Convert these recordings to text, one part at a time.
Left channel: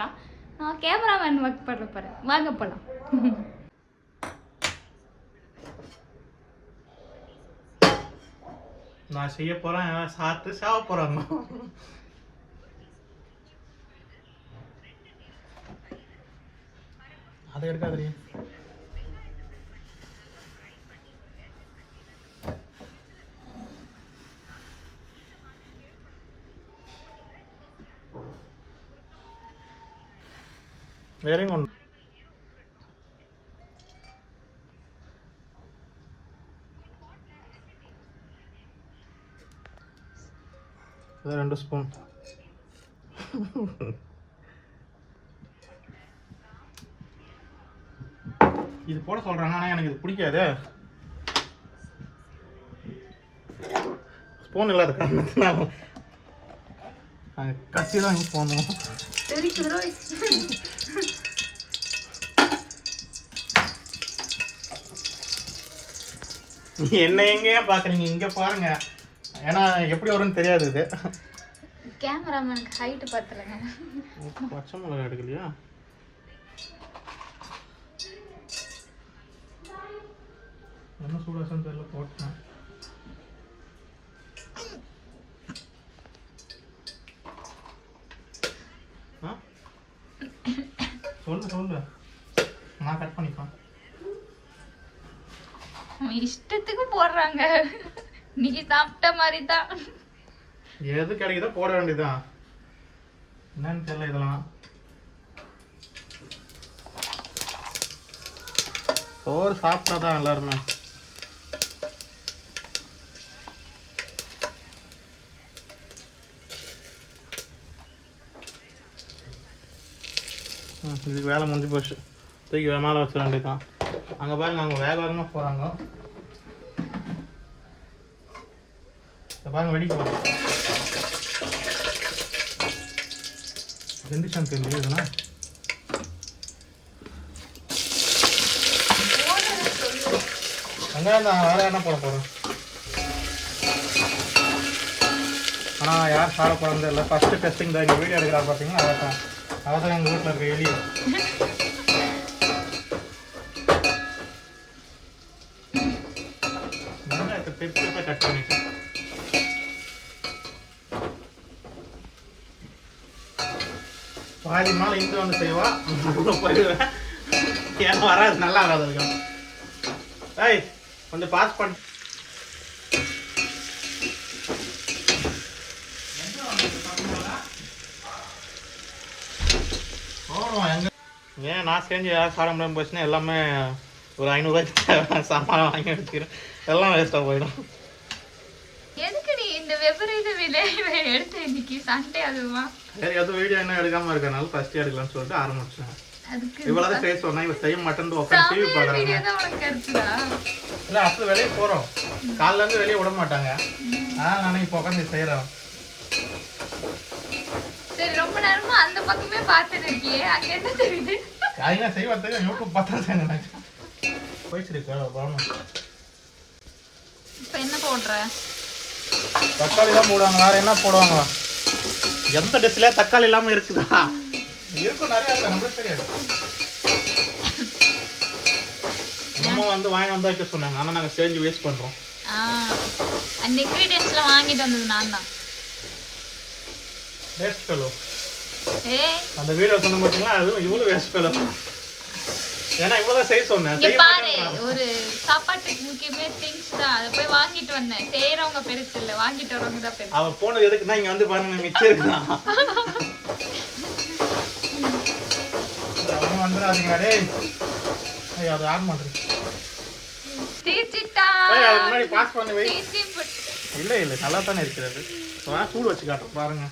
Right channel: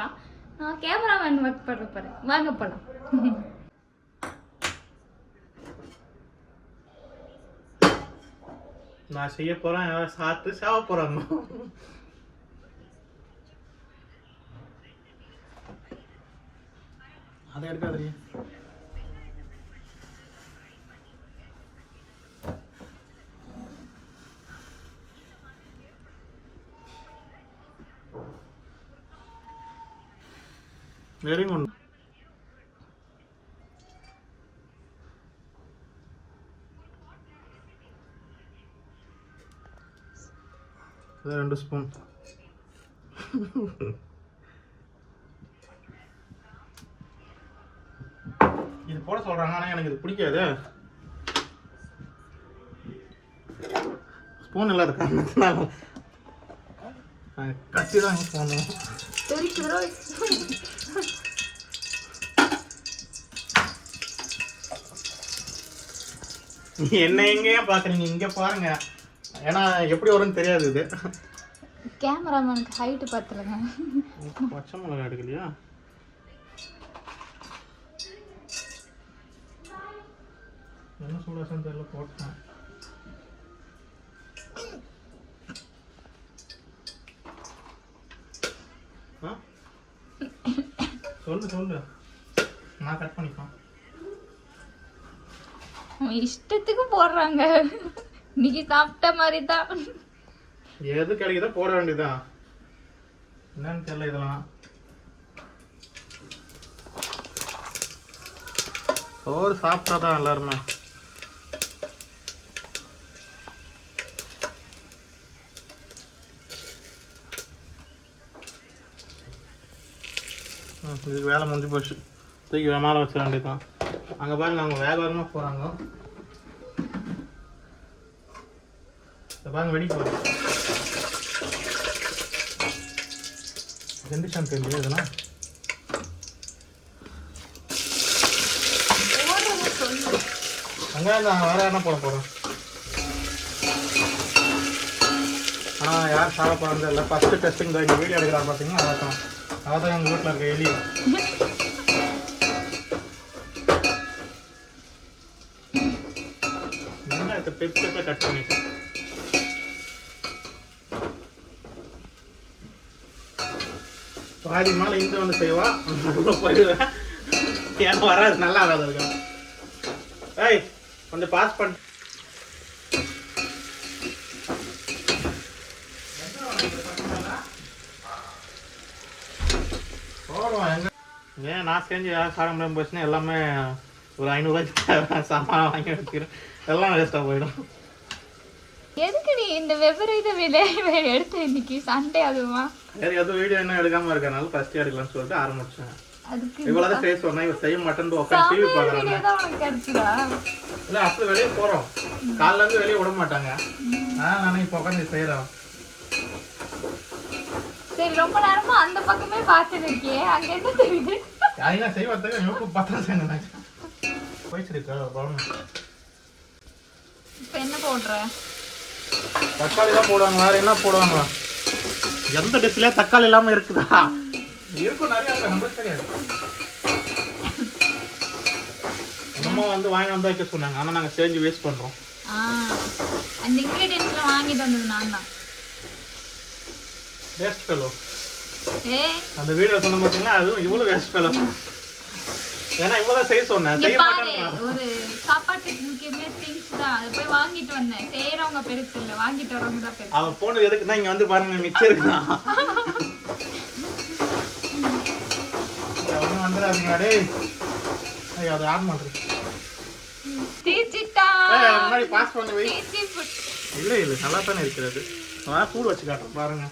பண்ணுறான் நான் cameraman work பண்ண போகிறேன் வாங்க போகலாம் நான் செய்ய போகிறேன் சாத்து சாப்பிட்டு சாவ போறாங்க அதை எடுக்காதீங்க வெரி குட் அது ரெண்டு ஸ்பூன் இது போட சொல்றாங்க ஆனா எனக்கு இது பிடிக்காது. ஸ்பூன் இல்லாத காரணத்தினால. நாங்கள் கத்தி தான் யூஸ் பண்ணுவோம் என்ன எங்கேயே பார்க்குறீங்க இங்கே பாருங்க. ஏன்னா எப்படி வரும்னு தெரியாது இது. கேமராமேனுக்கு ஹைட்டு பார்த்துருங்க. பச்சை மிளகா எடுக்கலையா? என்ன சூடாசம் தெரியல போட்டேன்? சொல்லு சொல்லு. நான் கட் பண்ணிப்பேன். அவன் இஷ்டத்துக்கு போடுறாங்க. நீ சாப்பிட்ட மாதிரி தான் எது கிடைக்குதோ போட வேண்டியதுதான். என்னன்னு தெரியல இதெல்லாம். சோறு சாப்பிட்டா தான் எல்லாருமே இதுக்கு வேலை முடிஞ்சு போச்சு. தூக்கி மேலே வச்சிட வேண்டியதுதான். அங்கே பாருங்க அவங்க வேக வேகமாக போகிறாங்க பாருங்க வெடிக்க பாருங்க ரெண்டு ஷாம்பு இல்லையா இதெல்லாம் வெங்காயம் தான் வேறு என்ன போட போகிறோம் ஆ யார் சாப்பிட போகிறது இல்லை ஃபஸ்ட்டு டெஸ்டிங் தான் இந்த வீடியோ எடுக்கிறா பார்த்தீங்கன்னா அவள் தான் அவள் தான் எங்கள் வீட்டில் இருக்க எலி. வெங்காயத்தை பெருசு கட் பண்ணிட்டேன் பாதி மேலே இங்கே வந்து செய்வா. போயிடுவேன். ஏன்னா வராது நல்லா வராது இருக்கும் ஏய் கொஞ்சம் பாஸ் பண்ண. ஏன் நான் செஞ்சு யாரும் சாப்பிட முடியாமல் போச்சுன்னா எல்லாமே ஒரு ஐநூறுரூவாய்க்கு சாமான் வாங்கி வச்சுக்கிறேன். எல்லாம் வேஸ்ட்டாக போயிடும். எதுக்கு இந்த விபரீத விலை எடுத்து இன்னைக்கு சண்டே அதுவா? சரி எதுவும் வீடியோ என்ன எடுக்காம இருக்கனால ஃபர்ஸ்ட் எடுக்கலாம்னு சொல்லிட்டு ஆரம்பிச்சேன். இவ்வளோதான் செய்ய சொன்னா இவ செய்ய மாட்டேன்னு உட்காந்து டிவி கிடைச்சதா? இல்லை அப்போ வெளியே போகிறோம் காலைல இருந்து வெளியே விட மாட்டாங்க. அதான் நானே இப்போ உட்காந்து செய்கிறேன் சரி ரொம்ப நேரமா அந்த பக்கமே பார்த்துட்டு இருக்கியே. அங்க என்ன தெரியுது? அதெல்லாம் செய்வதுக்கு யூடியூப் பார்த்தா இப்ப என்ன போடுற? தக்காளி தான் போடுவாங்க வேற என்ன போடுவாங்க? எந்த டிஷ்லேயே தக்காளி இல்லாமல் இருக்குதா? இருக்கும் நிறையா இருக்கு நம்மளுக்கு தெரியாது. அம்மா வந்து வாங்கி வந்தா வைக்க சொன்னாங்க ஆனால் நாங்கள் செஞ்சு வேஸ்ட் பண்ணுறோம் ஆ அந்த இன்கிரீடியன்ஸ்லாம் வாங்கிட்டு வந்தது நான் தான். வேஸ்ட் ஃபெலோ அந்த வீடியோ சொன்ன பார்த்தீங்கன்னா அதுவும் இவ்வளோ வேஸ்ட் ஃபெலோ ஏன்னா இவ்வளோ செய்ய சொன்னேன். செய்ய பாரு ஒரு சாப்பாட்டுக்கு முக்கியமே திங்ஸ் தான். அதை போய் வாங்கிட்டு வந்தேன். செய்யறவங்க பெருசு இல்ல வாங்கிட்டு வரவங்க தான் பெருசு. அவ போனது எதுக்குன்னா இங்க வந்து பாருங்க மிச்சம் இருக்குதான். ஒன்றும் வந்துடாதீங்க டேய். ஐய் அது ஆன் பண்ணுறது தீச்சிட்டா ஏய் அது முன்னாடி பாஸ் பண்ணி வை. தீச்சி புட்- இல்லை இல்லை நல்லா தானே இருக்கிறது நான் சூடு வச்சு காட்டுறேன் பாருங்க.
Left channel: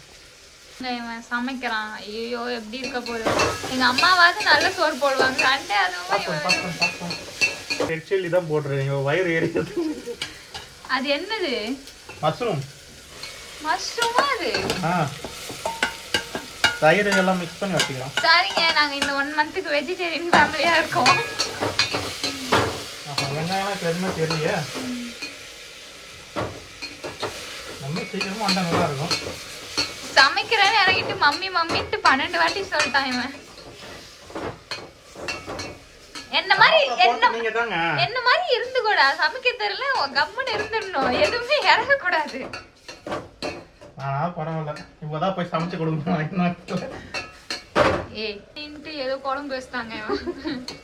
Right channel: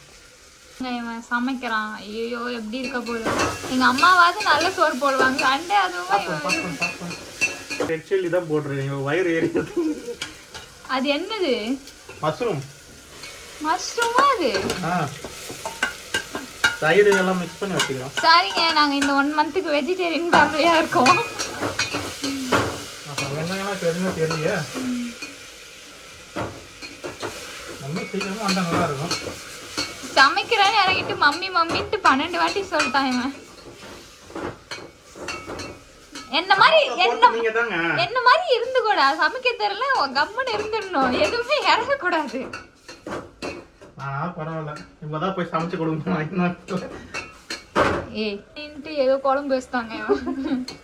இவன் சமைக்கிறான். ஐயோ எப்படி இருக்க போகுது? எங்க அம்மாவாவது நல்ல சோறு போடுவாங்க. சண்டே அதுவும் சில்லி தான் போடுறேன். வயிறு ஏறியது. அது என்னது? மஷ்ரூம் மஷ்ரூமா அது? தயிர் இதெல்லாம் மிக்ஸ் பண்ணி வச்சுக்கிறோம் சாரிங்க நாங்க இந்த ஒன் மந்த்துக்கு வெஜிடேரியன் ஃபேமிலியா இருக்கோம். இப்போ எதுவுமே தெரியலையே. நம்ம சீக்கிரமாக வந்தால் நல்லா இருக்கும். சமைக்கிறேன்னு இறங்கிட்டு மம்மி மம்மின்ட்டு பன்னெண்டு வாட்டி சொல்லிட்டான் இவன். என்ன மாதிரி என்ன என்ன மாதிரி இருந்து கூட சமைக்க தெரியல கம்முன்னு இருந்துடணும். எதுவுமே இறங்க கூடாது பரவாயில்ல. இப்பதான் போய் சமைச்சு கொடுங்க ஏய் தின்ட்டு ஏதோ குழம்பு வச்சுட்டாங்க இவன்.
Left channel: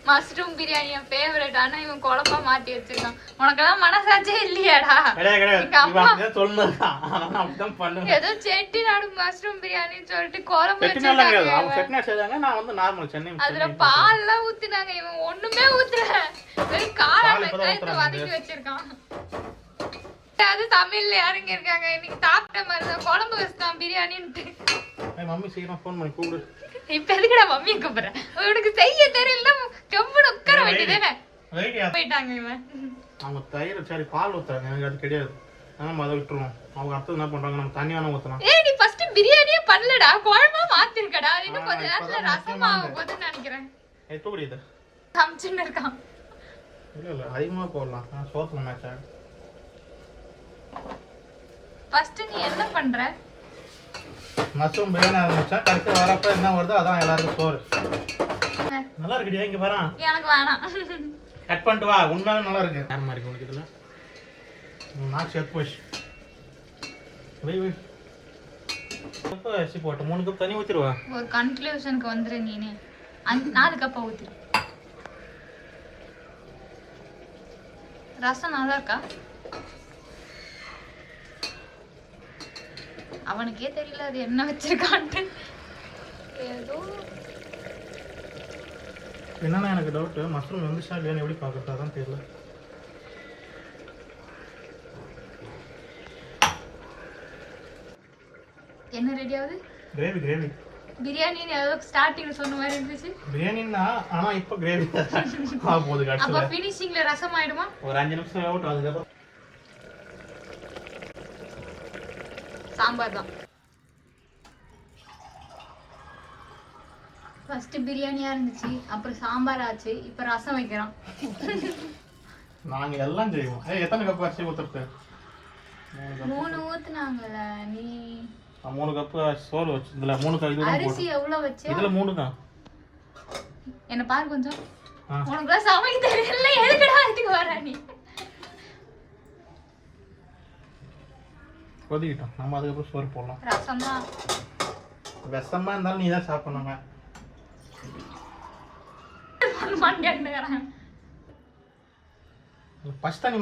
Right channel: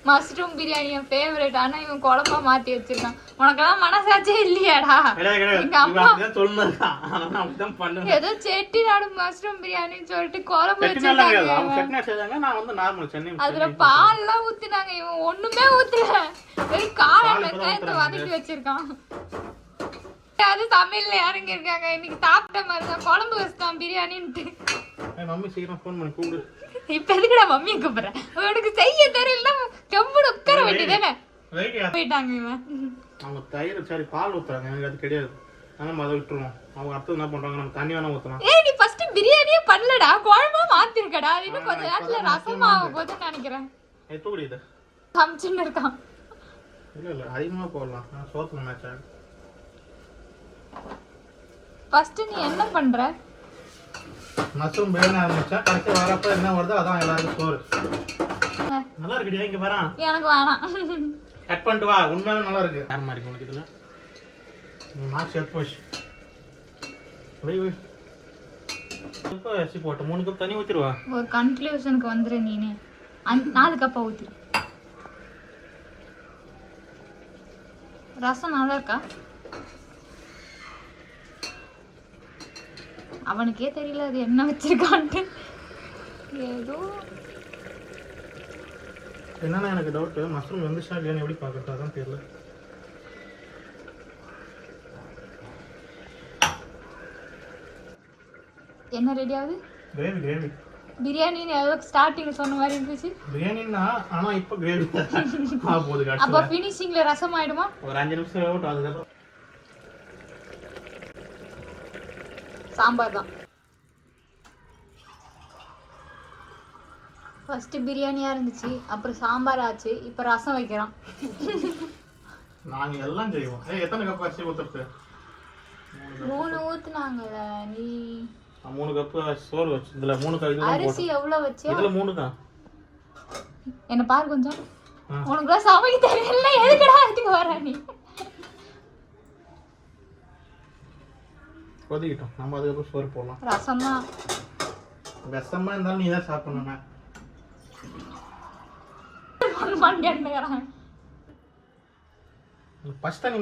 மஷ்ரூம் பிரியாணி என் ஃபேவரட் ஆனா இவன் குழம்பா மாத்தி வச்சிருக்கான். உனக்கெல்லாம் மனசாச்சே இல்லையாடா. எங்க அம்மா- ஏதோ செட்டிநாடு மஷ்ரூம் பிரியாணின்னு சொல்லிட்டு குழம்பு வச்சிருக்காங்க அவங்க செட்டிநாடு செய்தாங்க நான் வந்து நார்மல் சென்னை அதுல பால் எல்லாம் ஊத்துனாங்க. இவன் ஒண்ணுமே ஊத்தல. வெறும் காளை பால் இப்பதான் வெங்காயத்தை ஊத்துறாங்க. வதக்கி வச்சிருக்கான். அது தமிழ்ல யாருங்க இருக்காங்க இன்னைக்கு சாப்பிட்ட மாதிரி தான் குழம்பு வச்சுட்டான் பிரியாணின்ட்டு. மம்மி சீக்கிரம் ஃபோன் பண்ணி கூப்பிடு. இப்ப எதுக்குடா மம்மியை கூப்பிடுறேன்? உனக்கு செய்ய தெரியல கம்முன்னு உட்கார வேண்டியதானே போயிட்டாங்க இவன். அவங்க தயிர் சரி பால் ஊத்துறாங்க. எனக்கு அது கிடையாது. நம்ம அதை விட்டுருவோம். அவங்க அடுத்தது என்ன பண்றாங்க? நம்ம தண்ணி வேணா ஊத்தலாம். ஏய் நீ ஃபர்ஸ்ட் பிரியாணியே பண்ணலடா. குழம்பா மாத்திருக்கடா. அது இன்னும் கொஞ்ச நேரத்துல ரசமா ஆக போகுதுன்னு நினைக்கிறேன். எப்போ குடியுது சமைச்சுன்னு இருக்கான். இல்ல இல்ல. அதிகமா போடலாம். நான் சோத்துல மேட்ச். ஆகும் ஃபர்ஸ்ட் நீ என்ன பண்ற? மஷ்ரூம் பிரியாணி ஆரம்பிச்சா கடைசி வரப்ப என்ன வருதோ அதான் எல்லாருக்கும் சோறு. நல்லா இருக்குடியா இங்க வரான் எனக்கு வேணாம். கட் பண்ணிட்டு வா உண்மையாவே நல்லா இருக்கு. யார் மாதிரி உனக்கு இதுல? நான் செட் போச்சு. வை வை எப்போ அரிசி போட்டு மூணு கப் தண்ணி ஊற்றிடுவா ஒரு கன்க்ளூஷனுக்கு வந்துரு நீனே. அஞ்சு நாலு கப்பா ஊத்து ரசம் நல்லா இருக்கா? அவனுக்கே தெரியல அது என்ன வச்சிருக்கான்ட்டு. ஏதோ. என்னன்னா எனக்கு டவுட் மஷ்ரூம் வந்துச்சா இல்லையான்னு எப்படி பார்க்கறது அதான் தெரியல. என்ன ரெடி ஆகுது? கிரேவி கிரேவி பிரியாணின்னு ஏதோ ஸ்டார்டிங் சொன்ன மாதிரி இருந்துச்சு. பிரியாணின்னா ஆனா இப்போ கிரேவி போகுது அப்ப ஃபினிஷிங்ல ரசம் ஆயிடுமா? ஒரு அஞ்சு நிமிஷம் அவுட் அதுக்கப்புறம் சாம்பார் தான். ஃபர்ஸ்ட் பிரியாணியா இருந்துச்சு அப்புறம் சாம்பார் ஆச்சு இப்போ ரசம் வைக்கிறோம். நாங்க எல்லாம் செய்வோம். ஏய் எத்தனை கப் அரிசி ஊற்றுறது மூணு ஊத்துனாங்கல்ல நீ? மூணு கப்பு சோறு வச்சு இதுல மூணு கப் அரிசி எவ்வளவு வச்ச? இதுல மூணு தான். என்ன பாரு கொஞ்சம். ஆ. உனக்கு சமைக்க தெரியல எதுக்குடா இதுக்கு வர நீ? கொதிக்கிட்டோம். நம்ம அதுக்கப்புறம் சோறு போடலாம். ரசம் தான் விஷமா இருந்தாலும் நீ தான் சாப்பிடணுங்க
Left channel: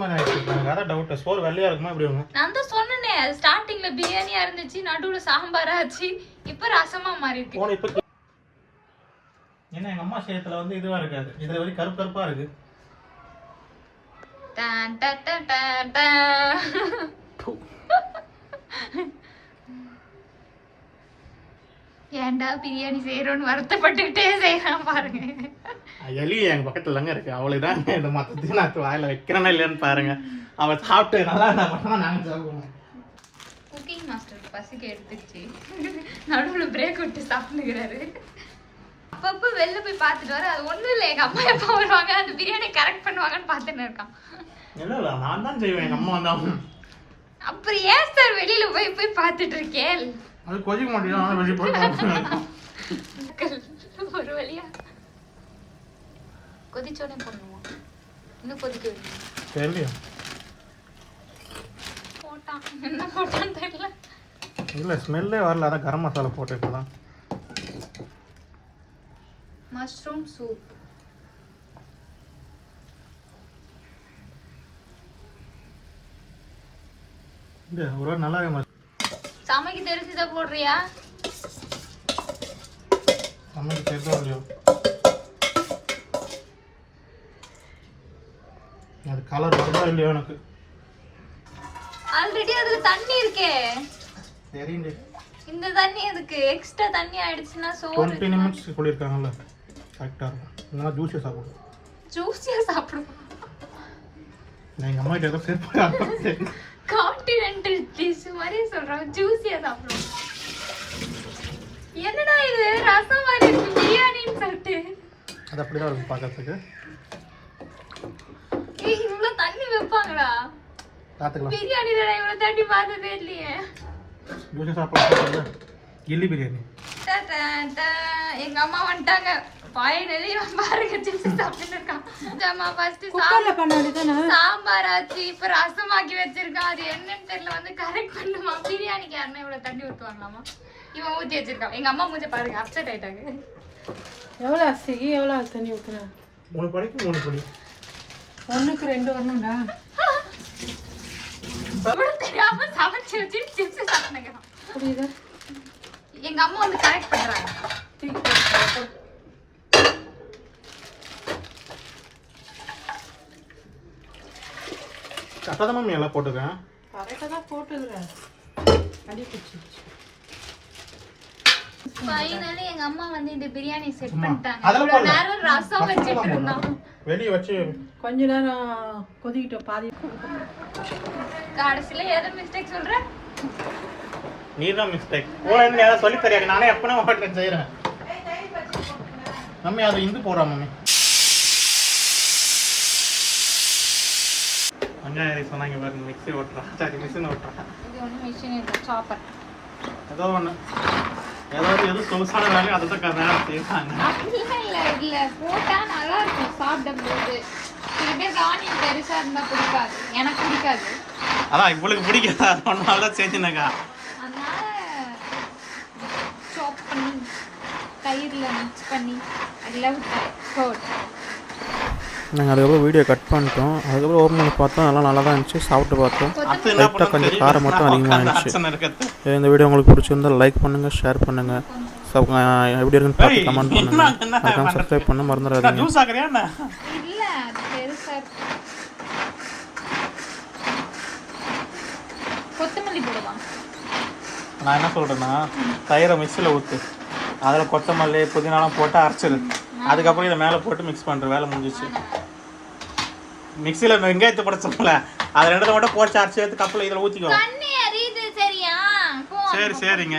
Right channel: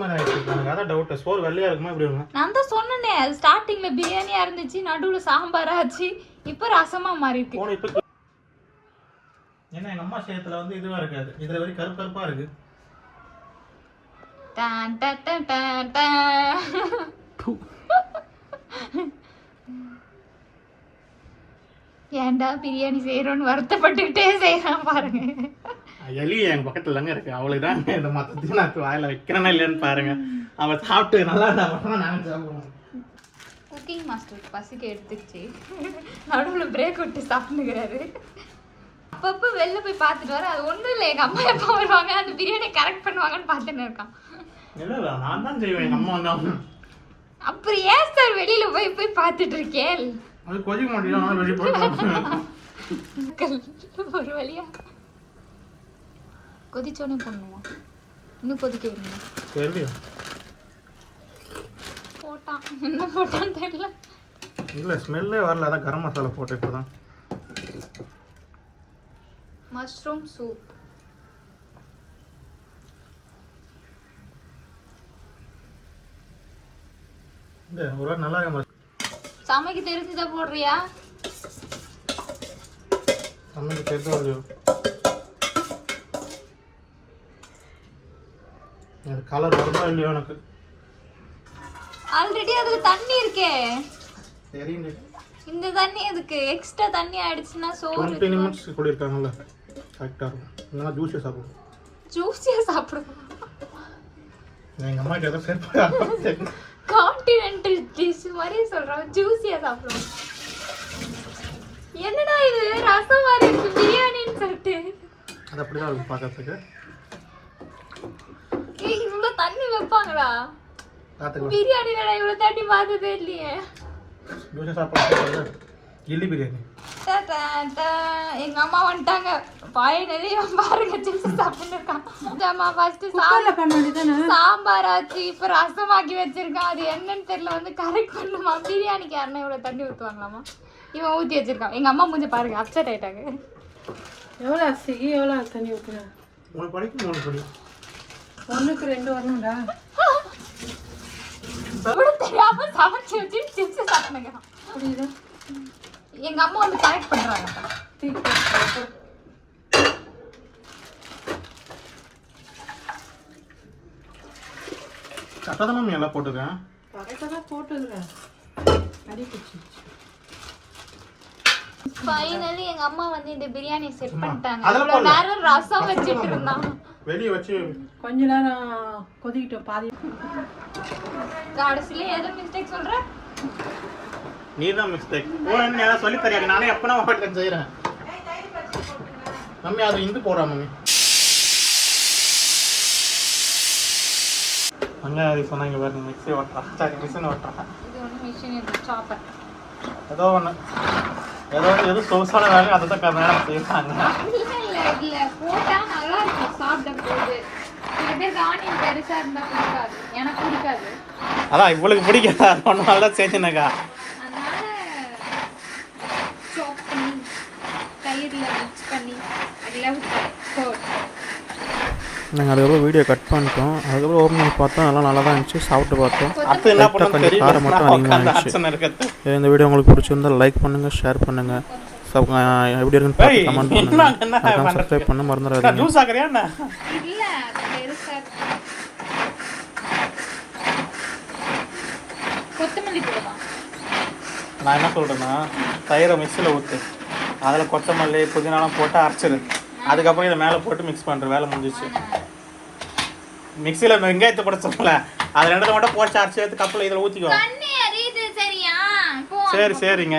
மாதிரி ஆயிடுச்சு. அதான் டவுட் சோறு வெள்ளையா இருக்குமா இப்படி இருக்கும்? நான் தான் சொன்னனே ஸ்டார்டிங்ல பிரியாணியா இருந்துச்சு நடுவுல சாம்பார் ஆச்சு இப்போ ரசமா மாறி இருக்கு ஏன்னா எங்க அம்மா சேத்துல வந்து இதுவா இருக்காது. இதுல வரை கருப்பு கருப்பா இருக்கு. டான் டான் டான் டான் டான். ஏன்டா பிரியாணி செய்யறோம்னு வருத்தப்பட்டுக்கிட்டே செய்யறான் பாருங்க. எலி எங்க பக்கத்துல தாங்க இருக்கு. அவளுக்கு தான் இந்த மொத்தத்தையும் நான் வாயில வைக்கிறேனா இல்லையான்னு பாருங்க. அவன் சாப்பிட்டு நல்லா நான் நாங்க சாப்பிடுவோம் குக்கிங் மாஸ்டர் பசிக்கு எடுத்துச்சு நடுவில் பிரேக் விட்டு சாப்பிட்டுக்கிறாரு. அப்பப்போ வெளில போய் பார்த்துட்டு வர அது ஒன்றும் இல்லை. எங்கள் அம்மா எப்போ வருவாங்க? அந்த பிரியாணி கரெக்ட் பண்ணுவாங்கன்னு பார்த்துன்னு இருக்கான். இல்ல நான் தான் செய்வேன். எங்க அம்மா வந்து அப்புறம் ஏன் சார் வெளியில போய் போய் பார்த்துட்டு இருக்கேன்? அது கொதிக்க மாட்டேங்குது வெளியே போய். ஒரு வழியா. கொதிச்சோடனே போடணுமா? இன்னும் கொதிக்க விடணுமா? சரி போட்டான். என்ன போட்டான்னு தெரியல. இல்ல ஸ்மெல்லே வரல அதான் கரம் மசாலா போட்டுட்டு தான் மஷ்ரூம் சூப் ஒரு நல்லா இருக்க சமைக்க தெரிஞ்சுதான் போடுறியா? சமைச்சு தெரிஞ்சா அது கலர் வருதா இல்லையோ எனக்கு. ஆல்ரெடி அதுல தண்ணி இருக்கே. இந்த தண்ணி எதுக்கு? எக்ஸ்ட்ரா தண்ணி ஆயிடுச்சுன்னா சோறு டுவெண்ட்டி நிமிட்ஸ் சொல்லியிருக்காங்கல்ல. கரெக்டாக இருக்கும். இல்லைன்னா ஜூஸே சாப்பிடுவோம் நான் எங்கள் அம்மா கிட்ட ஏதோ சேர்த்து கான்டினென்டல் டிஷ் மாதிரி சொல்றோம் ஜூஸியா சாப்பிடும் என்னடா இது? ரசம் மாதிரி இருக்கு. பிரியாணின்னு சொல்லிட்டு. அது அப்படியே இருக்கும் பார்க்கறதுக்கு. ஏய் இவ்வளவு தண்ணி வைப்பாங்களா? பார்த்துக்கலாம். பிரியாணில இவ்வளவு தண்ணி பார்த்ததே இல்லையே. ஜூஸே சாப்பிடுறது? கில்லி பிரியாணி. எங்க அம்மா வந்துட்டாங்க. ஃபைனலி பாருங்க சிப்ஸ் சாப்பிட்டு இருக்கான். அம்மா ஃபர்ஸ்ட் குக்கர்ல பண்ண வேண்டியதானே சாம்பார் ஆச்சு இப்ப ரசமாக்கி வச்சிருக்கான். அது என்னன்னு தெரியல வந்து கரெக்ட் பண்ணுமா பிரியாணிக்கு யாருன்னா இவ்வளவு தண்ணி ஊத்துவாங்களாமா? இவன் ஊத்தி வச்சிருக்கான். எங்க அம்மா மூஞ்ச பாருங்க அப்செட் ஆயிட்டாங்க. எவ்வளோ அரிசிக்கு எவ்வளோ தண்ணி ஊற்றுறேன் மூணு படிக்கு மூணு படி. ஒன்றுக்கு ரெண்டு வரணும்டா. தெரியாம சமைச்சு வச்சு சிப்ஸ் சாப்பிடுங்க புரியுதா? எங்க அம்மா வந்து கரெக்ட் பண்றாங்க. தூக்கி போட்டு கரெக்டாக தான் மேம் எல்லாம் போட்டுருக்கேன். கரெக்டாக தான் போட்டுக்கிறேன் அடி பிடிச்சிருச்சு ஃபைனலி எங்க அம்மா வந்து இந்த பிரியாணி செட் பண்ணிட்டாங்க. நேரம் ரசம் வச்சிட்டு இருந்தான் வெளியே வச்சு கொஞ்ச நேரம் கொதிக்கிட்டோம் பாதி கடைசியில எதை மிஸ்டேக் சொல்ற? நீ தான் மிஸ்டேக் ஓ என்ன ஏதாவது சொல்லி நானே ஹோட்டலில் செய்கிறேன் மம்மி அது இந்து போடுறா மம்மி. வெங்காயம் இப்போ நான் இங்கே பாருங்க மிக்ஸி ஓட்டுறான். சாரி மிஷின் ஓட்டுறான். இது ஒண்ணு மிஷின் இது சாப்பர் ஏதோ ஒன்று ஏதோ எது சொகுசான வேலை அதை தான் கரெக்டாக செய்வாங்க இல்ல இல்ல இல்ல. போட்டா நல்லா இருக்கும் சாப்பிடும் போது சில பேருக்கு ஆனியன் பெருசா இருந்தா பிடிக்காது. எனக்கு பிடிக்காது. அதான் இவளுக்கு பிடிக்காதா? ஒன்னால தான் செஞ்சுனக்கா அதனால சாப் பண்ணி மிக்ஸ் பண்ணி நாங்கள் அதுக்கப்புறம் வீடியோ கட் பண்ணிட்டோம். அதுக்கப்புறம் ஓப்பன் பண்ணி பார்த்தோம். நல்லா நல்லா தான் இருந்துச்சு. சாப்பிட்டு பார்த்தோம். லைட்டாக கொஞ்சம் காரம் மட்டும் அதிகமாக இருந்துச்சு. இந்த வீடியோ உங்களுக்கு பிடிச்சிருந்தா லைக் பண்ணுங்கள் ஷேர் பண்ணுங்கள் சப் எப்படி இருக்குன்னு பார்த்து கமெண்ட் பண்ணுங்கள்? சப்ஸ்கிரைப் பண்ண மறந்துடாதீங்க. நான் என்ன? சொல்றேன்னா தயிரை மிக்ஸியில் ஊற்று அதில் கொத்தமல்லி புதினாலாம் போட்டு அரைச்சிரு. அதுக்கப்புறம் இதை மேலே போட்டு மிக்ஸ் பண்ணுற வேலை முடிஞ்சிச்சு. மிக்ஸியில் வெங்காயத்தை போட சொல்லல. அதில் ரெண்டு மட்டும் போட்டு அரைச்சி எடுத்து கப்பில் இதில் ஊற்றிக்குவோம் போ சரி சரிங்க.